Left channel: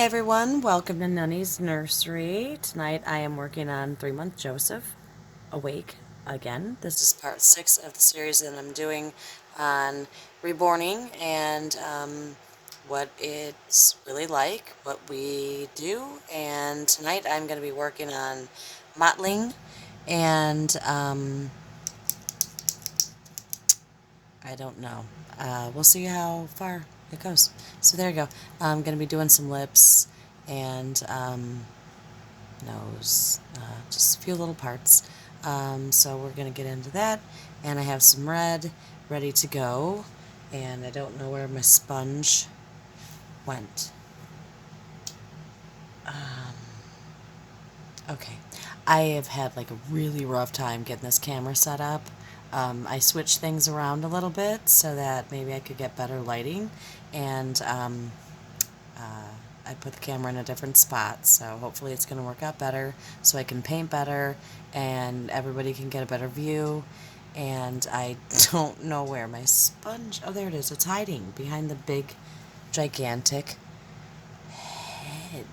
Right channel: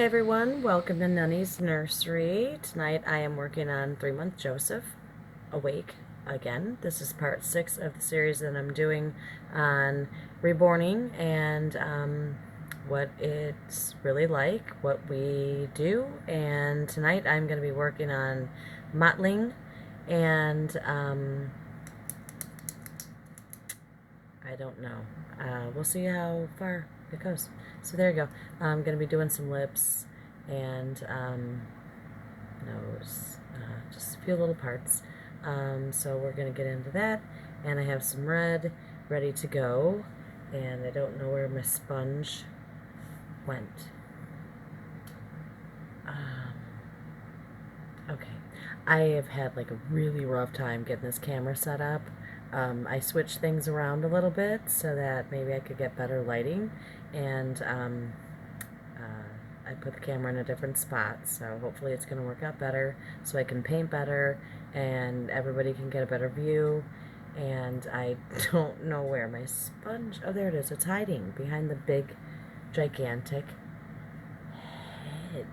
Hey everyone, welcome to Nunny's Nursery. Tonight I am working on 3-month Joseph, awake again. This is part 6 of the series that I'm doing on reborning and what it's really like, what we do. And tonight I'm going to be working on mottling and I don't know. We'll see how far it goes. So there you go. I'm going to be doing some lips and nose, just a few little parts. So we're going to get into that. And I have some red ready to go. And I don't know where my sponge went. Okay. I have had like a really rough time getting this camera set up. I switched things around a little bit so that maybe I could get better lighting, and I put the camera in a different spot, so hopefully it's going to work out better so I can paint better and everybody can get a better view. And I don't know where my sponge, oh there it is, it's hiding behind the big gigantic head.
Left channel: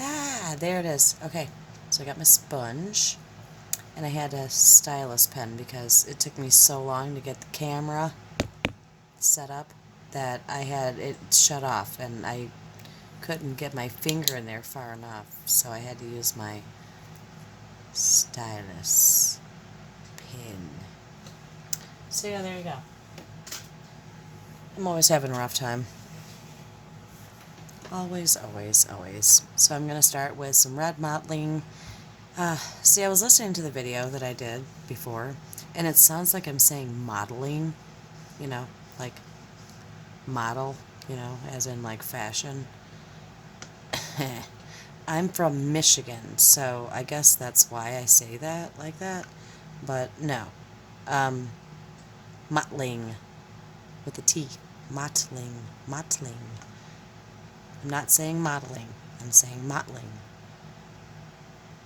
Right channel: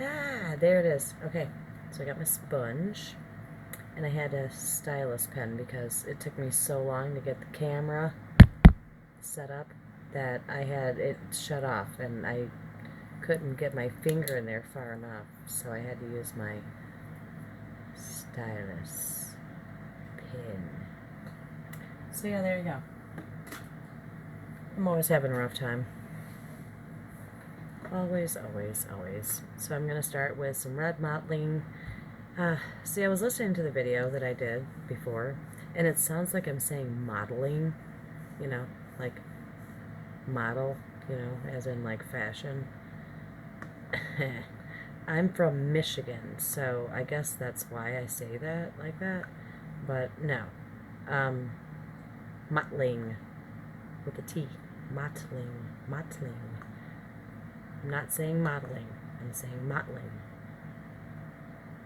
Ah, there it is. Okay, so I got my sponge, and I had a stylus pen because it took me so long to get the camera set up that I had it shut off, and I couldn't get my finger in there far enough, so I had to use my stylus pen. So yeah, there you go. I'm always having a rough time. Always, always, always. So I'm going to start with some red mottling. See, I was listening to the video that I did before, and it sounds like I'm saying modeling, like model, as in like fashion. I'm from Michigan, so I guess that's why I say that like that. But no. Um, mottling with a T. Mottling. Mottling. I'm not saying modeling. I'm saying mottling.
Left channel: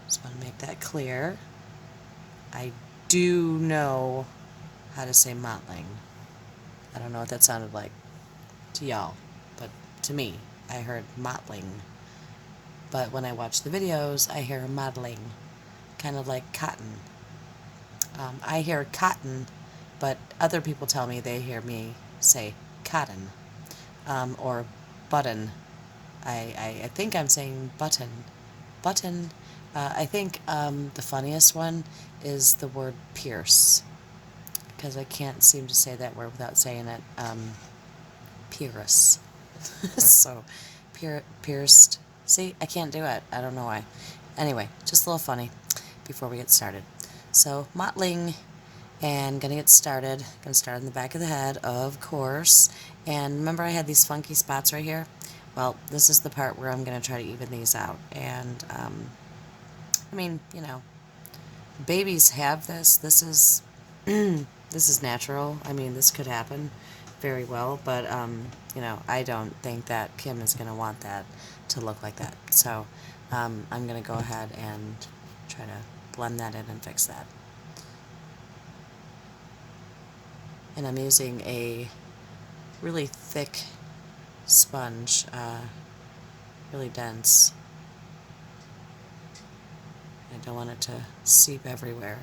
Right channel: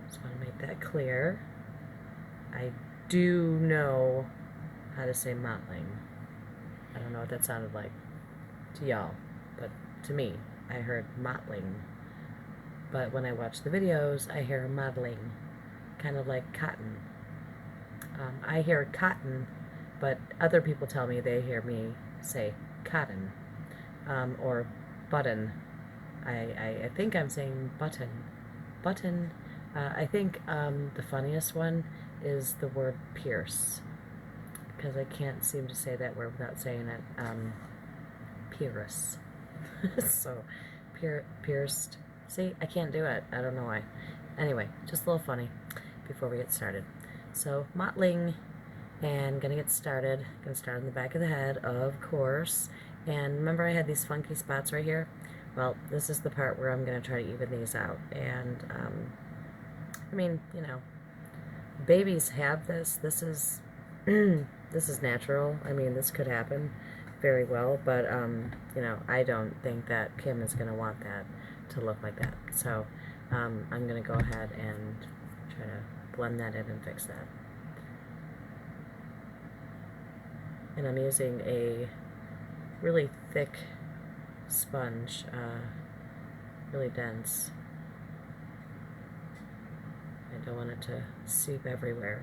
Just want to make that clear. I do know how to say mottling. I don't know what that sounded like to y'all, but to me, I heard mottling. But when I watch the videos, I hear modeling, kind of like cotton. I hear cotton, but other people tell me they hear me say cotton, or button. I think I'm saying button. Button. I think the funniest one is the word pierce, because I can't seem to say that word without saying it. Pierce. So, pierced. See, I can't do it. I don't know why. Anyway, just a little funny before we get started. So, mottling, and gonna get started. Gonna start on the back of the head, of course. And remember I had these funky spots right here? Well, this is the part where I'm gonna try to even these out. And, I mean, babies have this. This is, this is natural. I mean, this could happen very well, but, I don't think that Kim is gonna want that to look like that. So, I'm gonna go ahead and try to blend that in and fix that. And I'm using a really thick sponge, really dense. I don't want it to seep everywhere.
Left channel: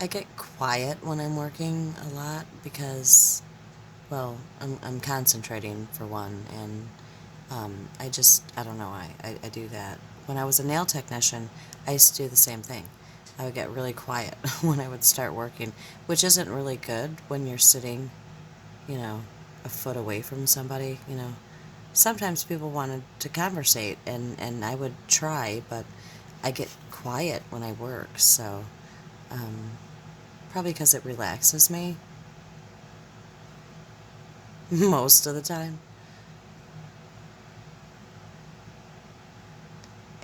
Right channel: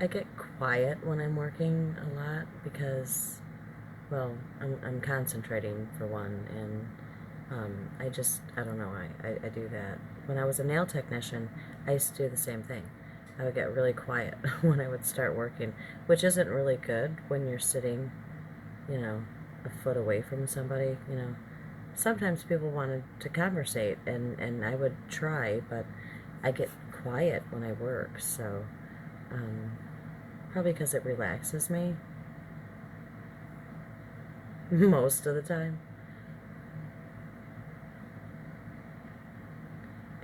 I get quiet when I'm working a lot because, well, I'm concentrating for one, and I don't know, I do that. When I was a nail technician, I used to do the same thing. I would get really quiet when I would start working, which isn't really good when you're sitting, a foot away from somebody. Sometimes people wanted to conversate, and I would try, but I get quiet when I work, so, um, Probably because it relaxes me most of the time.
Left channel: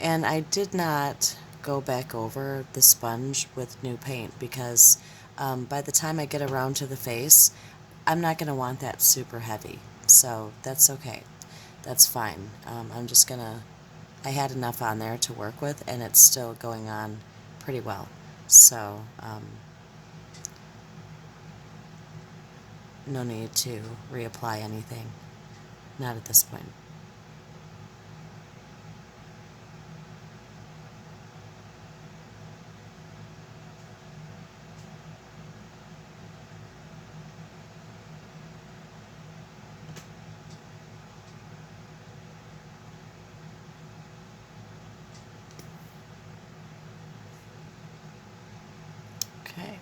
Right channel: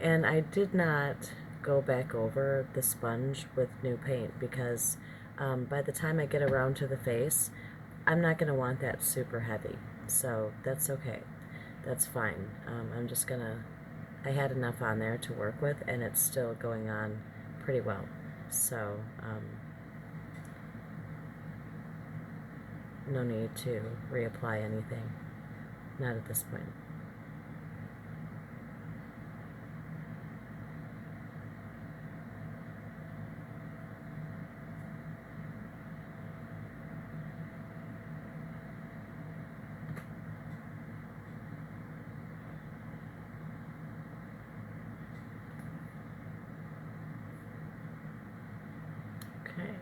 And I did not go back over the sponge with new paint because by the time I get around to the face, I'm not going to want that super heavy. So that's okay. That's fine. I'm just going to, I had enough on there to work with, and it's still going on pretty well. So no need to reapply anything. Not at this point. Okay.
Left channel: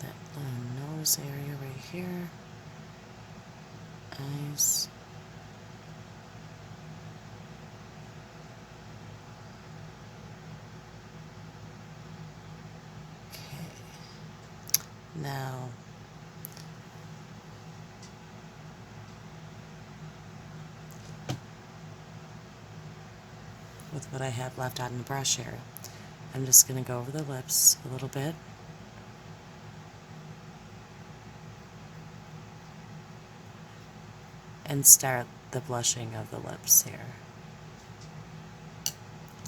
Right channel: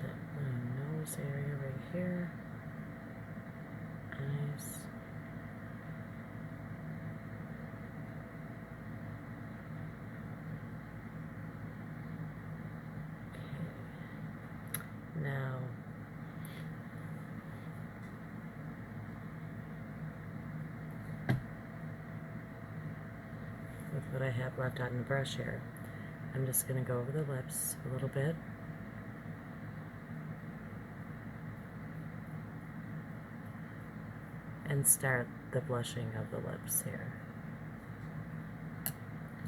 That little nose area right here. Eyes. Okay. Now, with what I have left on the brush here, I'm just going to go over the lips a little bit. And start the blushing of the lips here.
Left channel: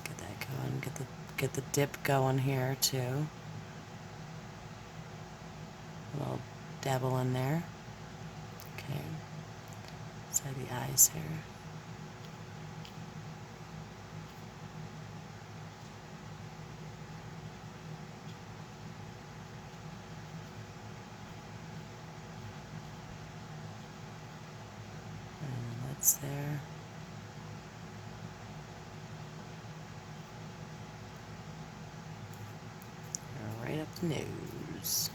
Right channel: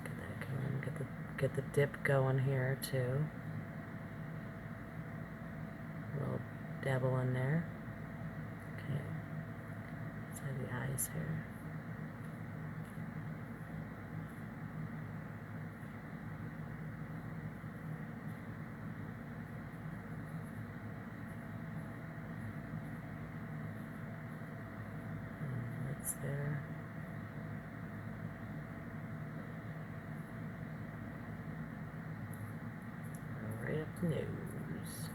Get that going. Get the dip going here too. A little dabble in there. Okay. Side the eyes here. And lips there. Right up the nose.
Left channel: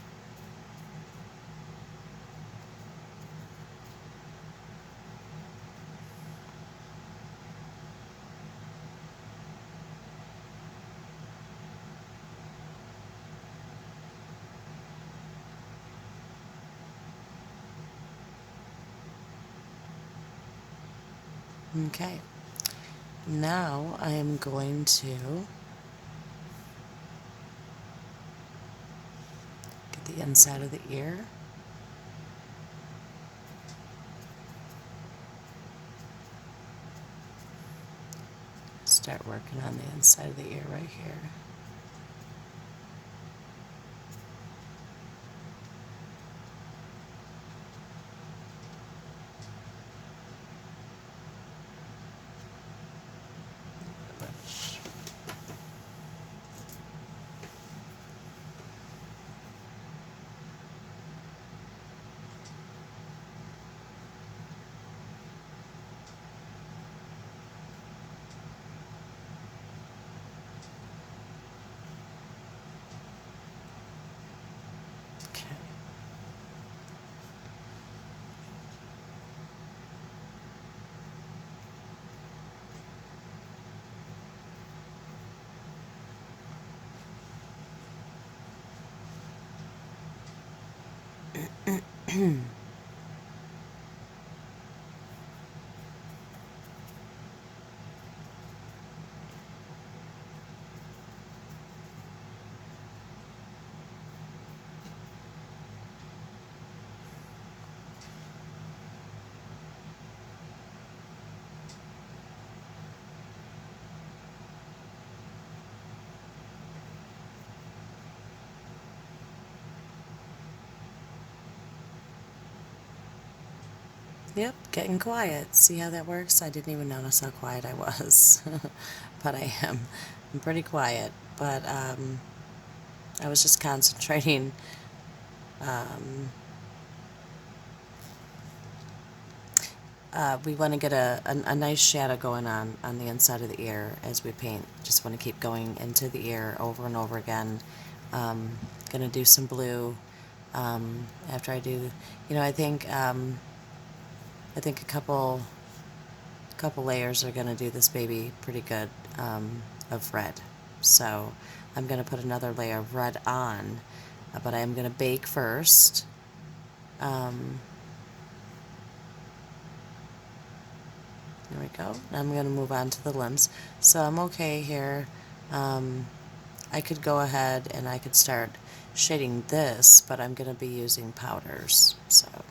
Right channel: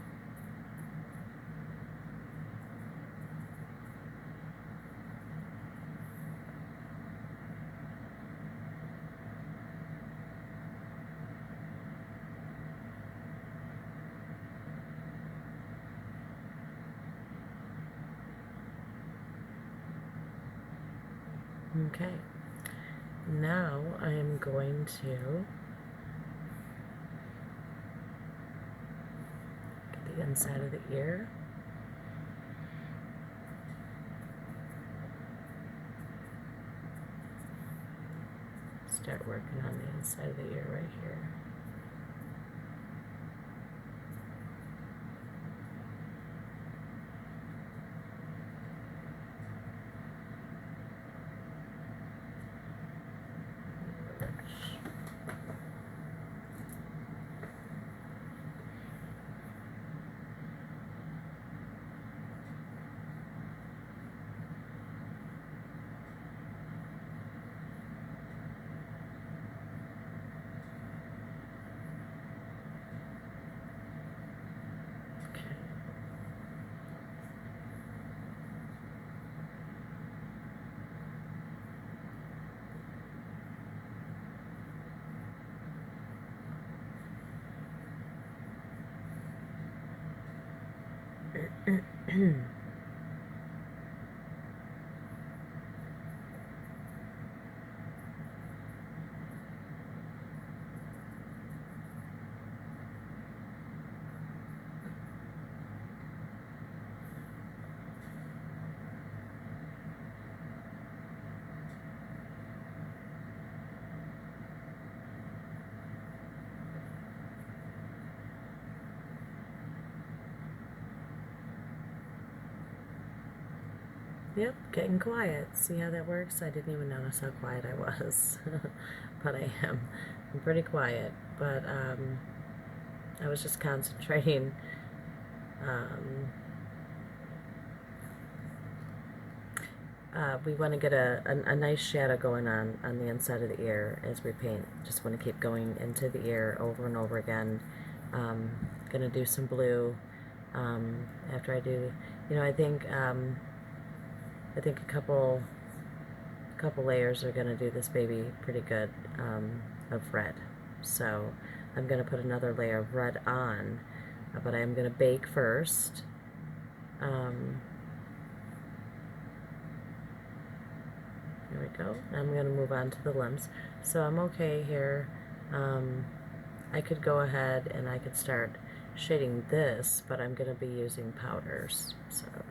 Okay. Now I am going to get the inside of the ear. Start working on the inside of the ear right here. Okay. Yep, getting quiet. See how that works? I didn't even notice how quiet I was. But I am. I'm pretty quiet. But I was just concentrating. We want to get a nice shadow going on the inside of the ear as we paint. Just want to keep going into the ear over and over again. Gonna do some blue after I do, I think a couple layers are gonna do this baby pretty good of red. So I'm gonna put another layer of red on but I am going to bake first. There we go. Now I'm going to move on to the limbs. So I'm okay here. I could go ahead and I could start shading this, but I'm going to be using powders. So I'm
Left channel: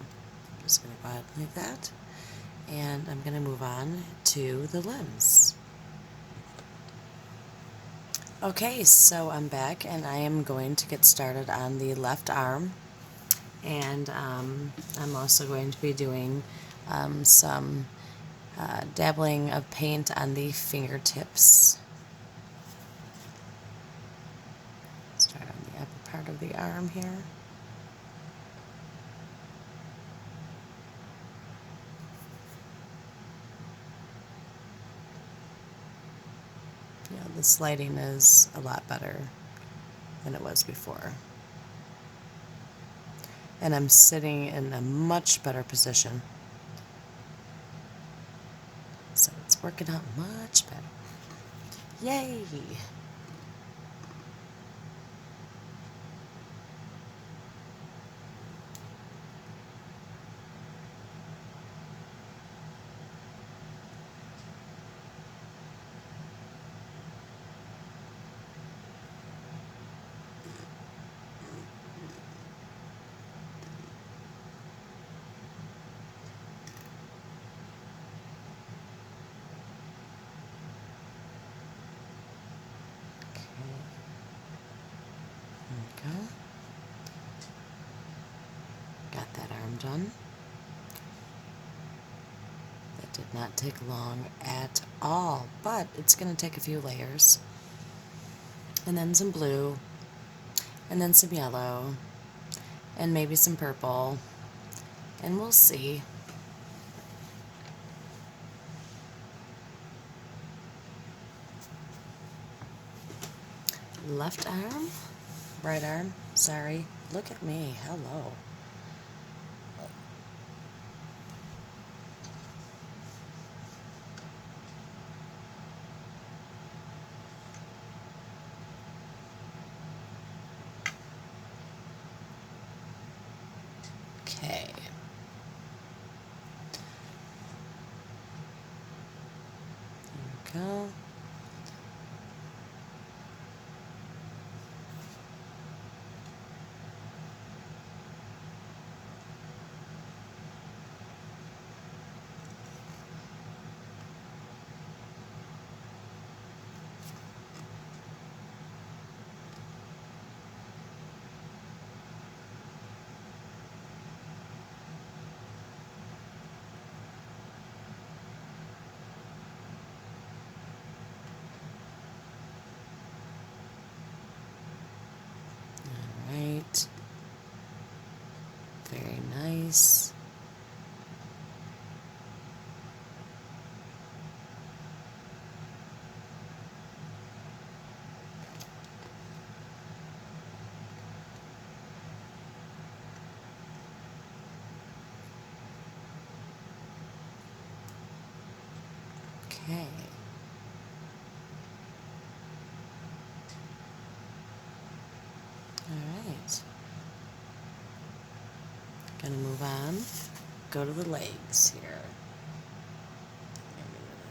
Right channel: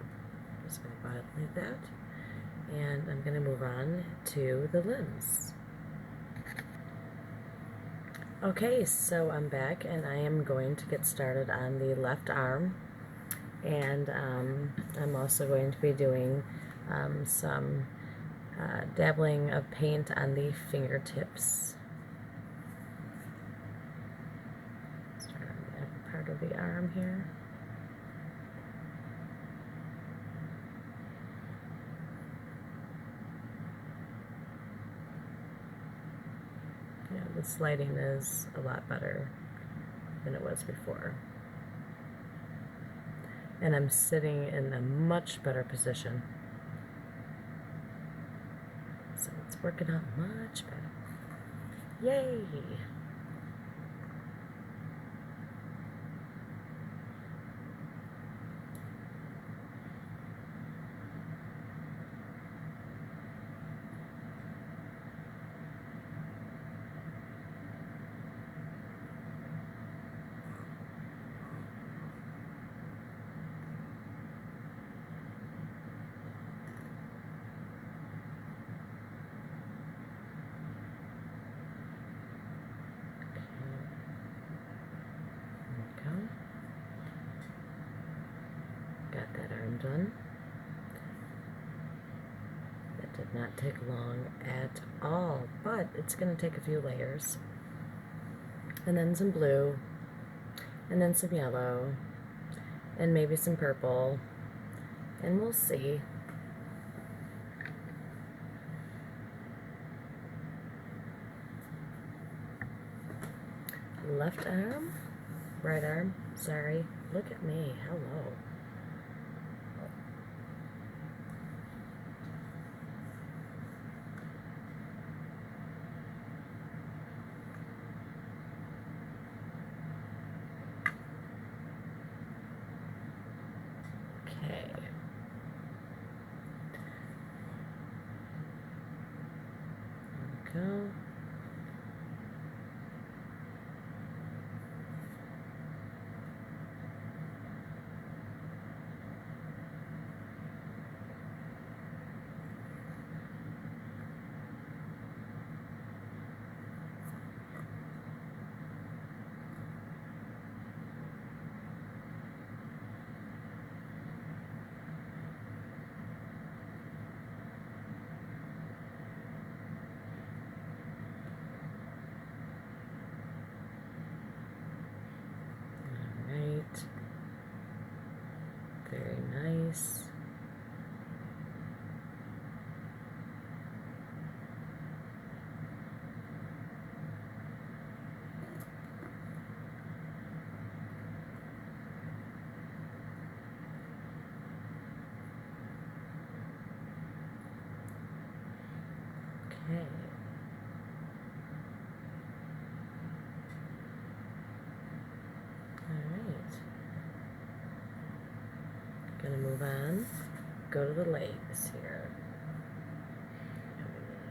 just going to go ahead and leave that. And I'm going to move on to the limbs. Okay, so I'm back and I am going to get started on the left arm. And I'm also going to be doing some dabbling of paint on the fingertips. Start on the upper part of the arm here. Yeah, this lighting is a lot better than it was before. And I'm sitting in a much better position. So it's working out much better. Yay! Got that arm done. That did not take long at all, but it's going to take a few layers. And then some blue, and then some yellow, and maybe some purple, and we'll see. Left arm, right arm, sorry. Look at me, hello. Okay. There we go. Right. Very nice. Okay. Alright. Gonna move on. Go to the legs here.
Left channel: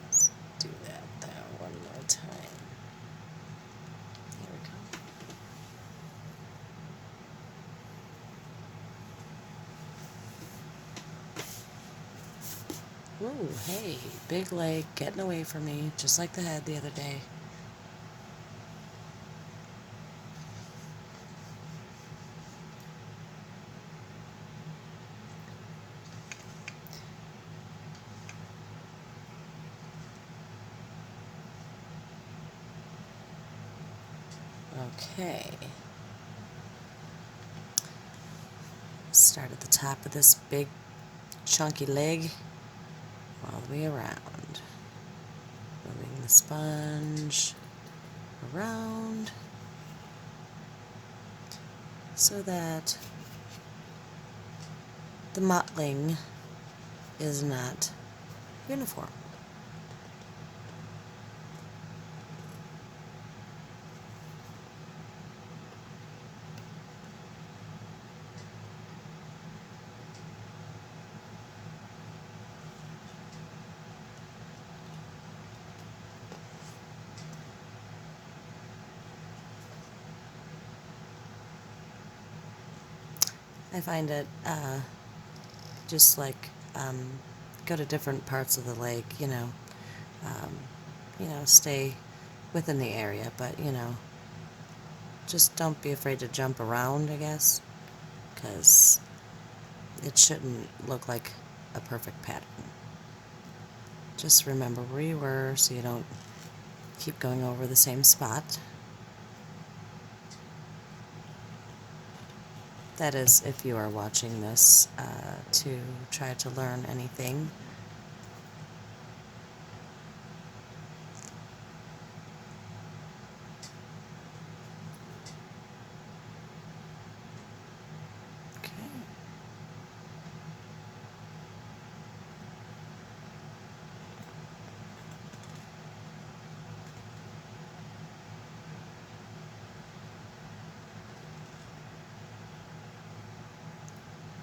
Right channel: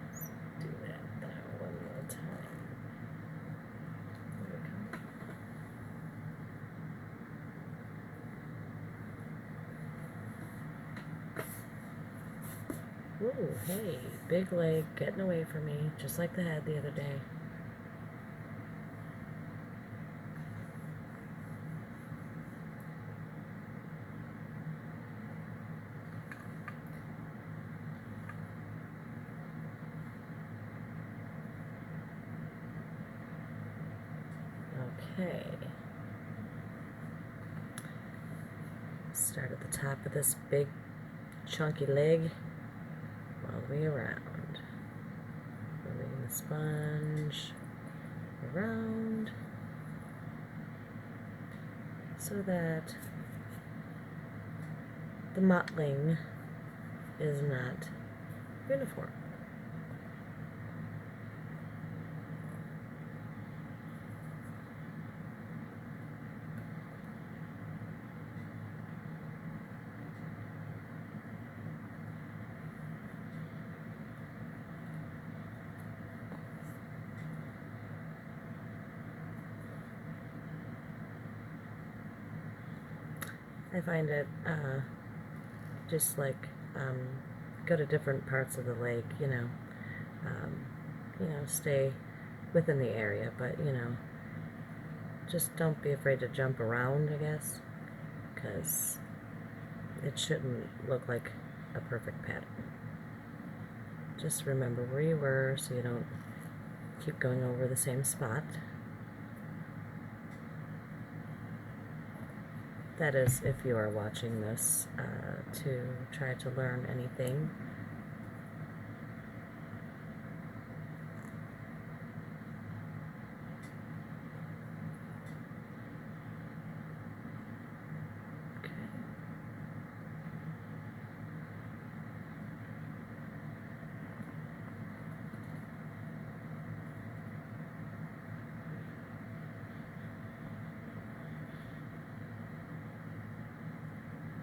Let's do that one more time. There we go. Ooh, hey, big leg getting away from me, just like the head the other day. Okay. Start at the top of this big chunky leg all the way around. Moving the sponge around so that the mottling is not uniform. I find it just like go to different parts of the lake, stay within the area, but just don't be afraid to jump around, I guess, because it shouldn't look like a perfect pattern. Just remember where you were so you don't keep going over the same spot. That is, if you are watching this to try to learn anything. Okay.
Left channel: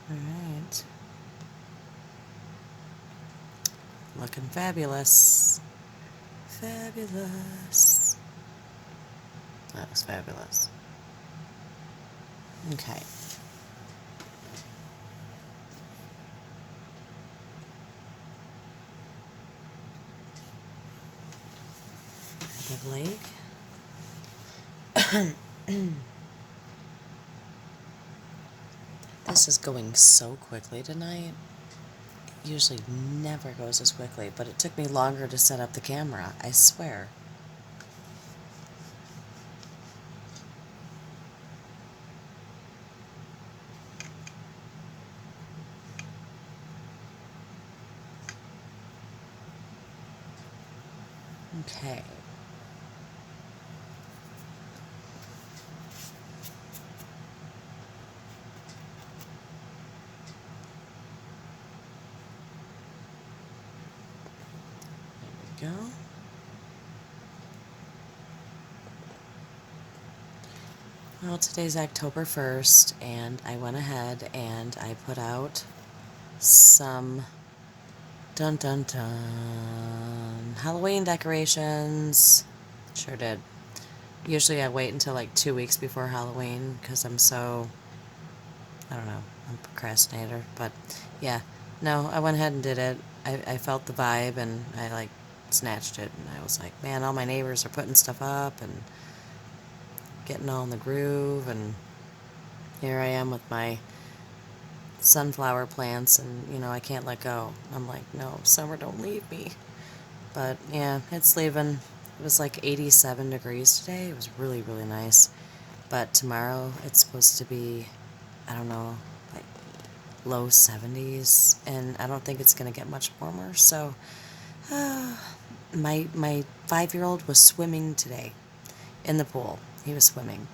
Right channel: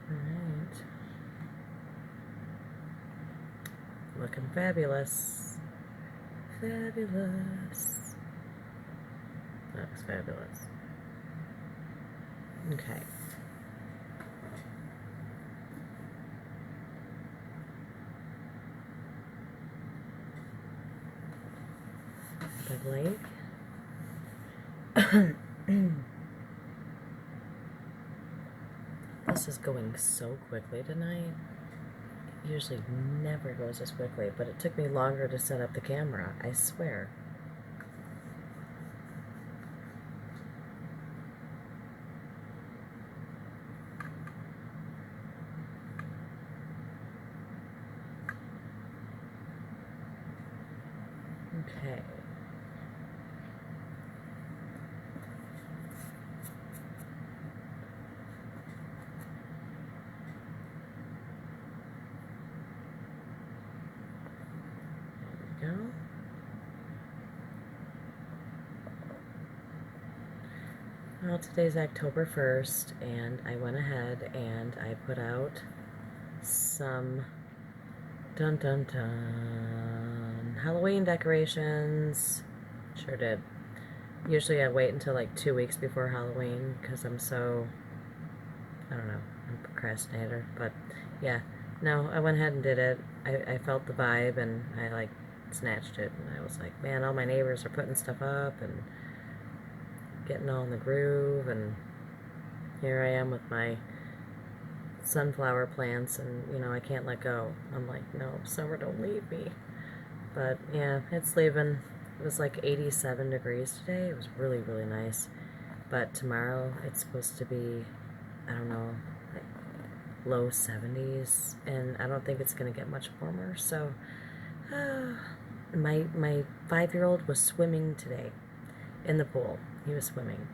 All right. Looking fabulous. Fabulous. That was fabulous. Okay. The lake. This is going so quickly tonight. It usually never goes as quickly, but it took me longer to set up the camera, I swear. Okay. There we go. Well, today's October 1st, and I went ahead and I put out some dun dun dun Halloween decorations. Sure did. Usually I wait until like 2 weeks before Halloween because I'm so, I don't know, I'm a procrastinator. But yeah, no, I went ahead and did it. I felt the vibe and I like snatched it. And I was like, man, all my neighbors are putting stuff up and getting all in the groove. And here I am with my sunflower plants and, I can't let go. I'm like, no, summer, don't leave me. But yeah, it's leaving. It was like 87 degrees today. It was really, really nice. But tomorrow it's supposed to be, I don't know, like low 70s, and I don't think it's going to get much warmer. So my 5-year-old was swimming today in the pool. He was swimming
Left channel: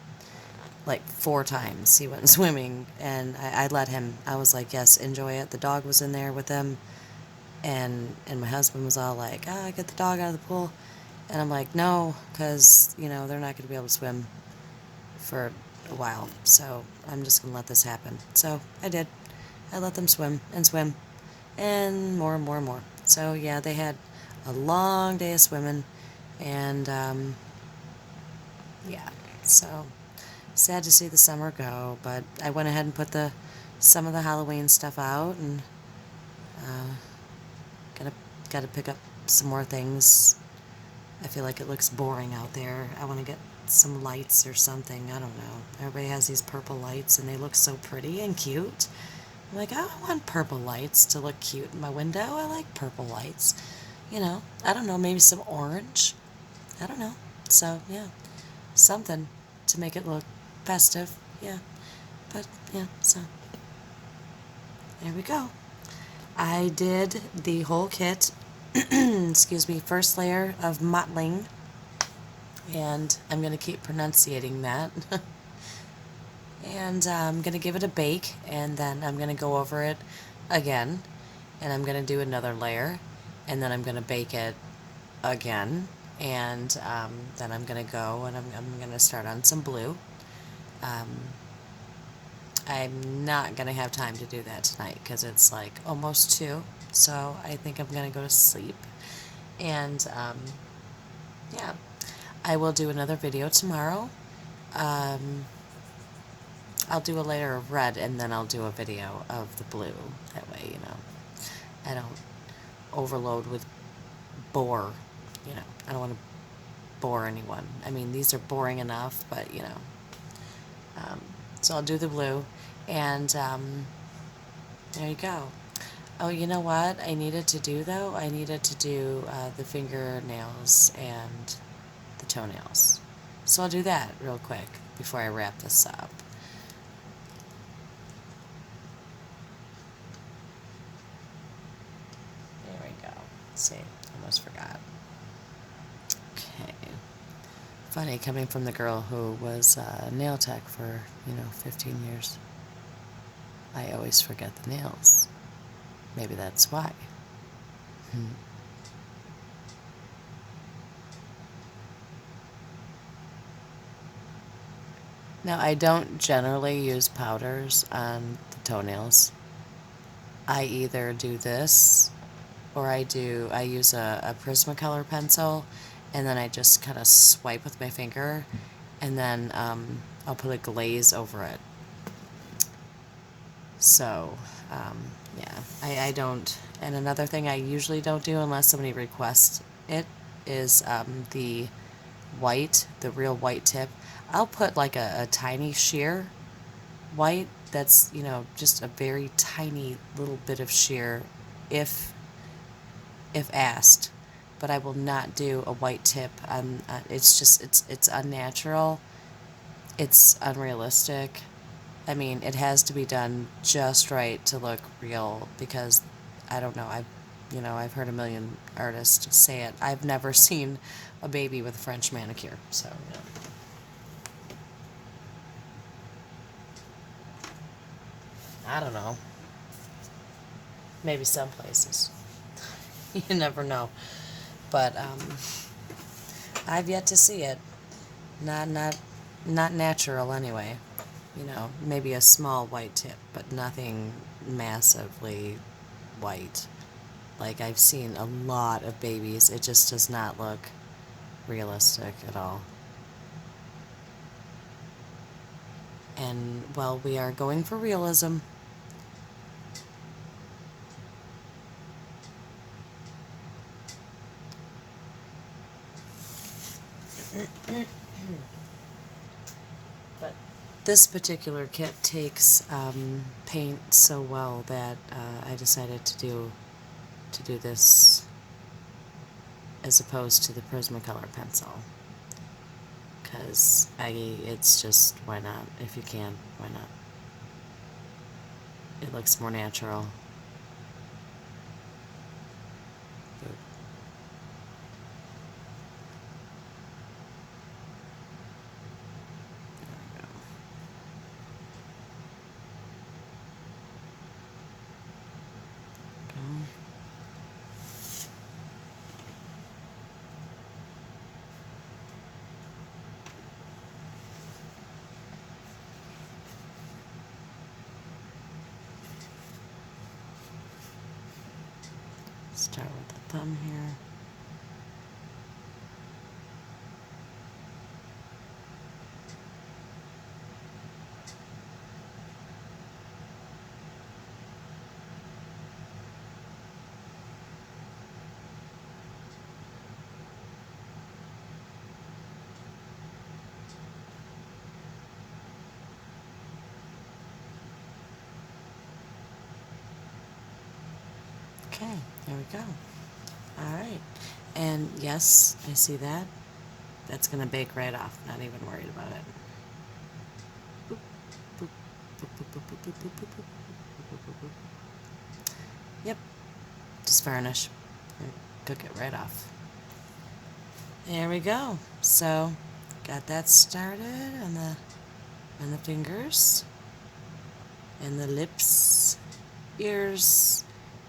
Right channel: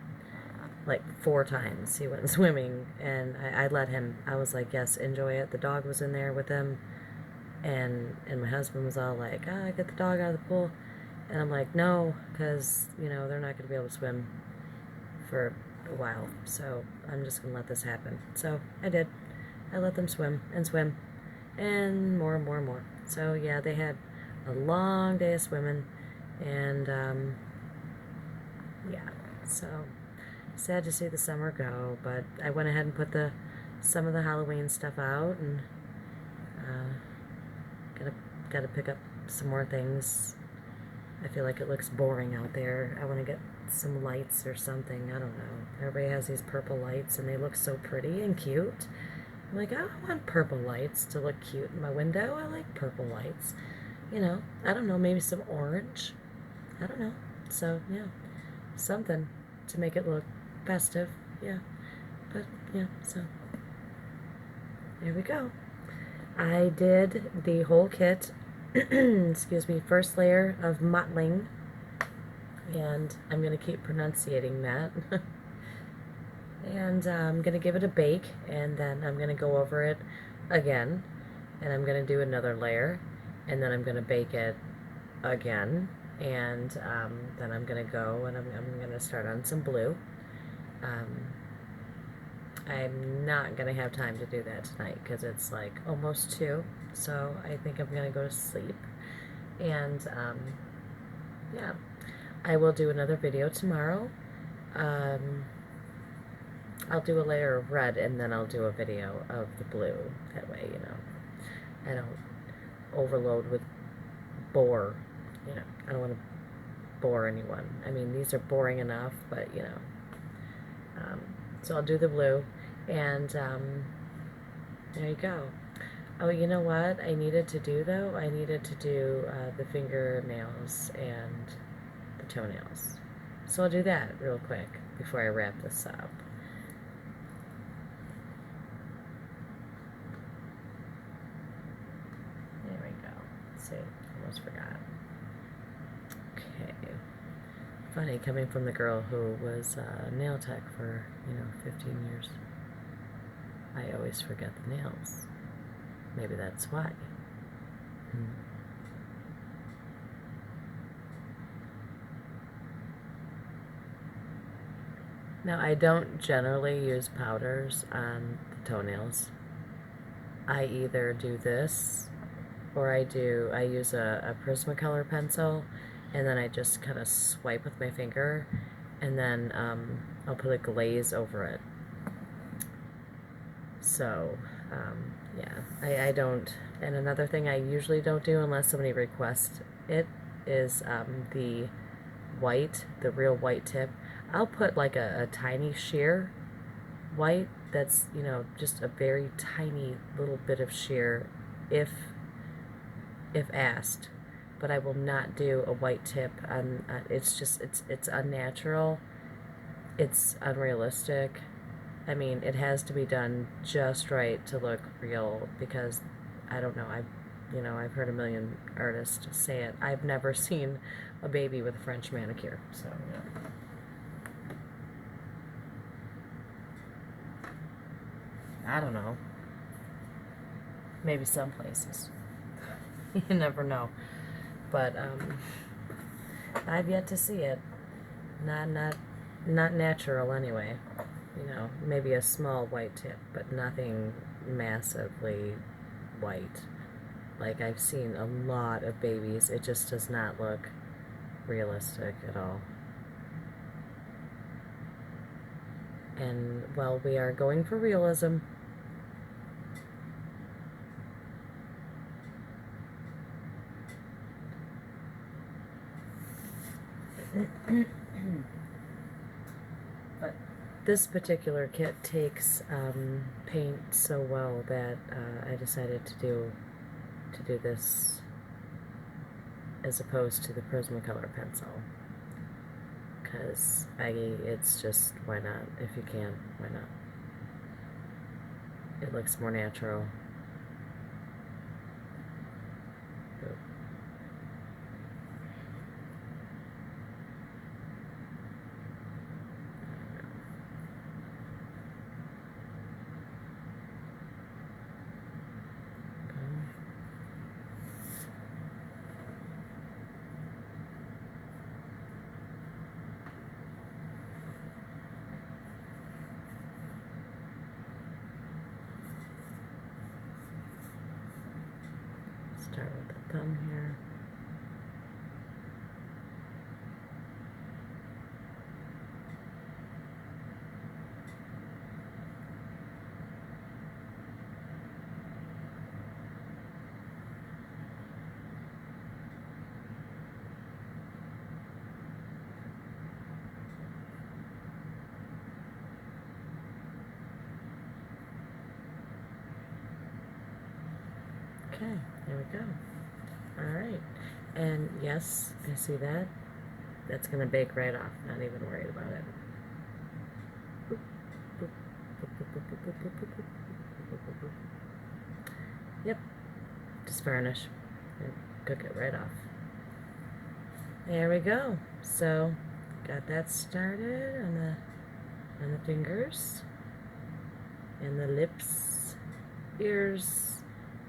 like 4 times. He went swimming, and I let him. I was like, yes, enjoy it. The dog was in there with him, and my husband was all like, get the dog out of the pool. And I'm like, no, because, they're not going to be able to swim for a while. So I'm just going to let this happen. So I did. I let them swim and swim and more and more and more. So yeah, they had a long day of swimming. And yeah, so sad to see the summer go. But I went ahead and put some of the Halloween stuff out, and gotta pick up some more things. I feel like it looks boring out there. I want to get some lights or something. I don't know. Everybody has these purple lights and they look so pretty and cute. I'm like, I want purple lights to look cute in my window. I like purple lights. I don't know, maybe some orange. I don't know. So, yeah, something to make it look festive. Yeah. But, yeah, so there we go. I did the whole kit. Excuse me, first layer of mottling, and I'm going to keep pronunciating that. And I'm going to give it a bake, and then I'm going to go over it again, and I'm going to do another layer, and then I'm going to bake it again, and then I'm going to go and I'm going to start on some blue. I'm not going to have time to do that tonight because it's like almost 2, so I think I'm going to go to sleep. And yeah, I will do another video tomorrow. I'll do a layer of red and then I'll do a video of the blue. That way, you know, I don't overload with bore, you know, I don't want to bore anyone. I mean, these are boring enough, but, you know, so I'll do the blue, and there you go. Oh, you know what I needed to do, though? I needed to do the fingernails and the toenails. So I'll do that real quick before I wrap this up. There we go. See, almost forgot. Okay. Funny, coming from the girl who was nail tech for, 15 years. I always forget the nails. Maybe that's why. Now, I don't generally use powders on the toenails. I either do this or I use a Prismacolor pencil, and then I just kind of swipe with my finger, and then I'll put a glaze over it. So, yeah, I don't, and another thing I usually don't do unless somebody requests it is the real white tip. I'll put like a tiny sheer white that's, just a very tiny little bit of sheer if asked, but I will not do a white tip. It's just, it's unnatural. It's unrealistic. I mean, it has to be done just right to look real, because I don't know, I've heard a million artists say it. I've never seen a baby with a French manicure, so. I don't know. Maybe some places. You never know. But I've yet to see it. Not natural anyway. Maybe a small white tip, but nothing massively white. Like, I've seen a lot of babies. It just does not look realistic at all. And, well, we are going for realism. But this particular kit takes paint so well that I decided to do this as opposed to the Prismacolor pencil, because it's just, why not? If you can, why not? It looks more natural. Start with the thumb here. Okay, there we go. Alright, and yes, I see that. That's going to bake right off, not even worried about it. Boop, boop, boop, boop, boop, boop, boop, boop, boop, boop, boop. Yep, just varnish and cook it right off. There we go. So, got that started on the fingers and the lips, ears,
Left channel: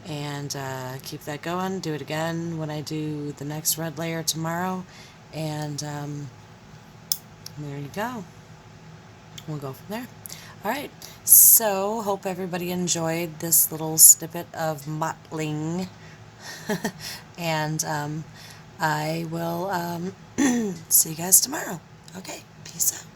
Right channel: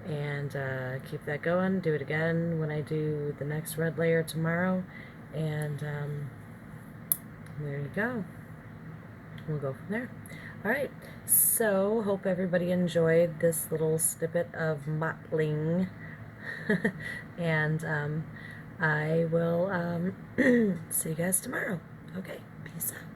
and keep that going. Do it again when I do the next red layer tomorrow, and there you go. We'll go from there. Alright, so hope everybody enjoyed this little snippet of mottling, and I will see you guys tomorrow. Okay, peace out.